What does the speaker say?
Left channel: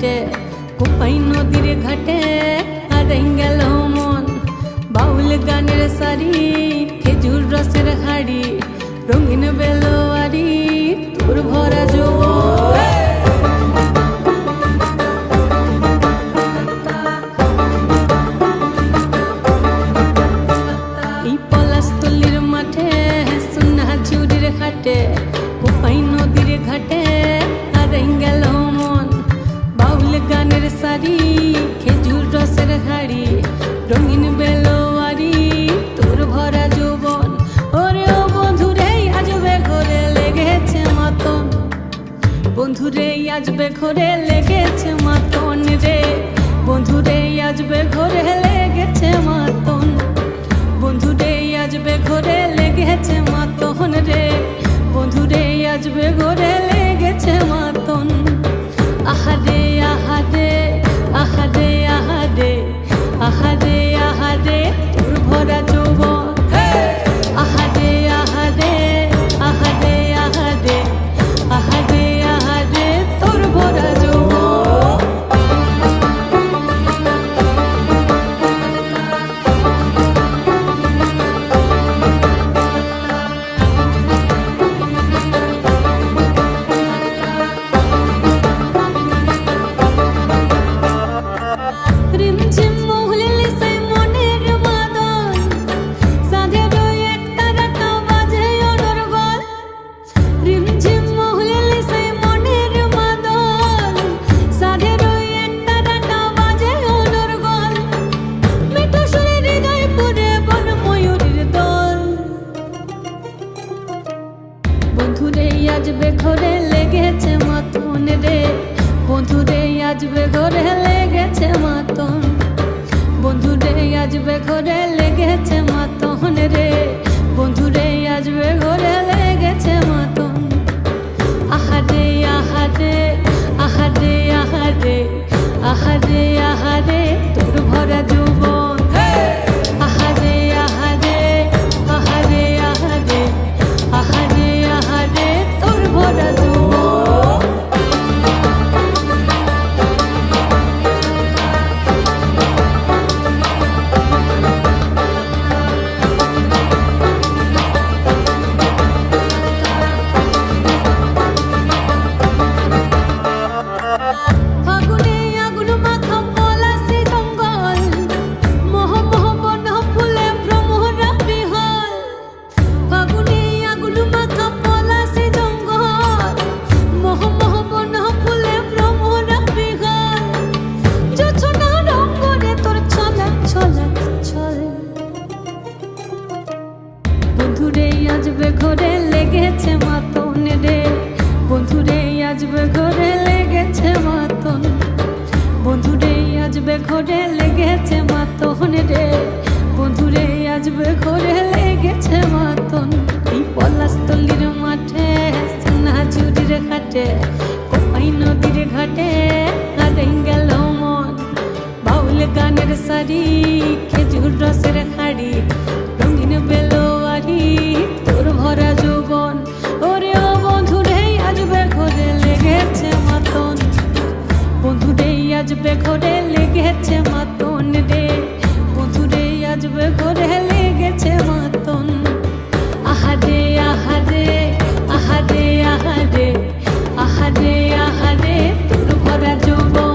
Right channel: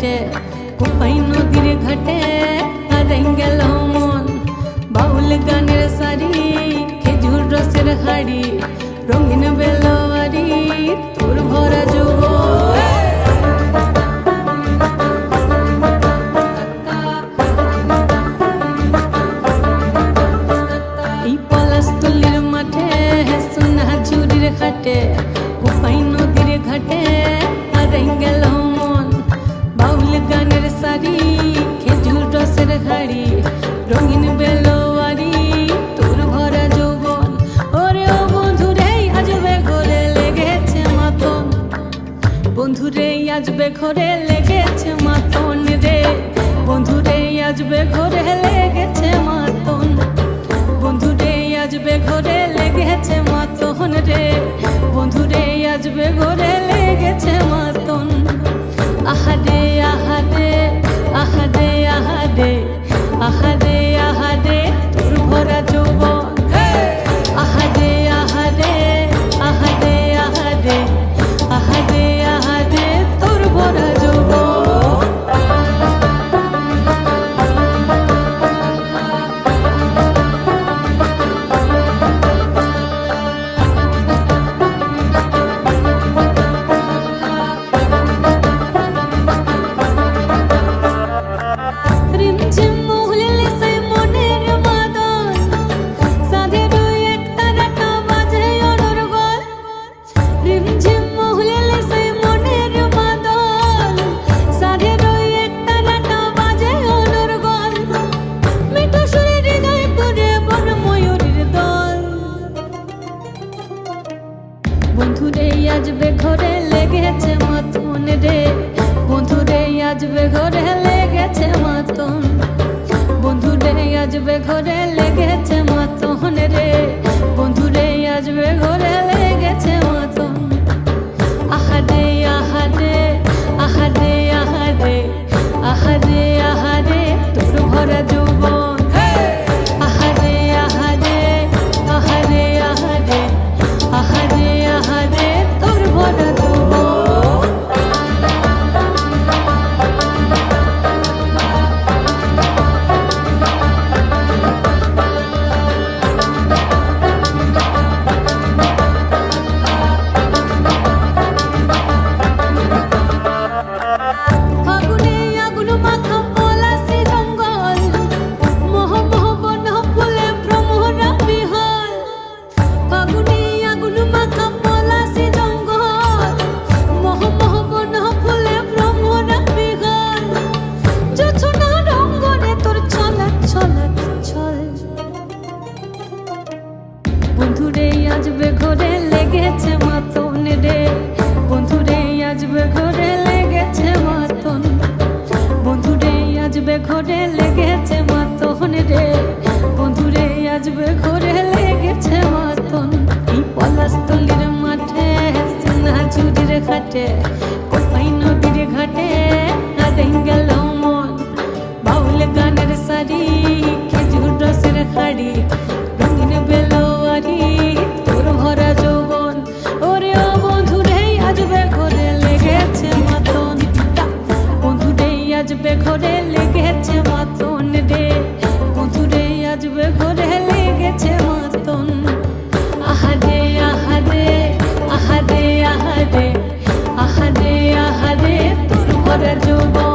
ঘাটে, কোপাই নদীর ঘাটে হারাই গেল মন। বাউল গানের সারি, খেজুর রসের হাড়ি, রঙিন বেলোয়ারি তোর ভরা যৌবন। এই পলাশতলির মাঠে, সোনা ঝুরির ঘাটে, কোপাই নদীর ঘাটে হারাই গেল মন। বাউল গানের সারি, খেজুর রসের হাড়ি, রঙিন বেলোয়ারি তোর ভরা যৌবন। ওরে ও বন্ধুরে আজবে ঘরে লেগেছে মাতন, বন্ধুরে আজবে ঘরে লেগেছে মাতন রে, বন্ধুরে আজবে ঘরে লেগেছে মাতন, বন্ধুরে আজবে ঘরে লেগেছে মাতন রে, বন্ধুরে আজবে ঘরে লেগেছে মাতন। আহারে আহারে আহারে আহারে আহারে আহারে তোর ভরা যৌবন। আহারে আহারে আহারে আহারে আহারে আহারে তোর ভরা যৌবন। রিমঝিম মহুলিল সে মনের মাদল, সাধের এক তারাটা বাজে অনর্গল। রিমঝিম মহুলিল সে মনের মাদল, সাধের এক তারাটা বাজে অনর্গল। মিঠো সুরে হৃদয় পুরে বন ময়ূরীর দল। বন্ধুরে আজবে ঘরে লেগেছে মাতন রে, বন্ধুরে আজবে ঘরে লেগেছে মাতন, বন্ধুরে আজবে ঘরে লেগেছে মাতন রে, বন্ধুরে আজবে ঘরে লেগেছে মাতন। আহারে আহারে আহারে আহারে আহারে আহারে তোর ভরা যৌবন। আহারে আহারে আহারে আহারে আহারে আহারে তোর ভরা যৌবন। ফাগুনে আগুন মাখা পলাশি জঙ্গল, মোহ মোহ বন ফুলে ভ্রমরা বিহল। ফাগুনে আগুন মাখা পলাশি জঙ্গল, মোহ মোহ বন ফুলে ভ্রমরা বিহল। জোছনা রঙ্গনে তোর ছলাক ছলাক ছল। বন্ধুরে আজবে ঘরে লেগেছে মাতন রে, বন্ধুরে আজবে ঘরে লেগেছে মাতন, বন্ধুরে আজবে ঘরে লেগেছে মাতন রে, বন্ধুরে আজবে ঘরে লেগেছে মাতন। এই পলাশতলির মাঠে, সোনা ঝুরির ঘাটে, কোপাই নদীর ঘাটে হারাই গেল মন। বাউল গানের সারি, খেজুর রসের হাড়ি, রঙিন বেলোয়ারি তোর ভরা যৌবন। ওরে ও বন্ধুরে আজবে ঘরে লেগেছে মাতন, বন্ধুরে আজবে ঘরে লেগেছে মাতন রে, বন্ধুরে আজবে ঘরে লেগেছে মাতন। আহারে আহারে আহারে আহারে আহারে আহারে তোর ভরা যৌবন।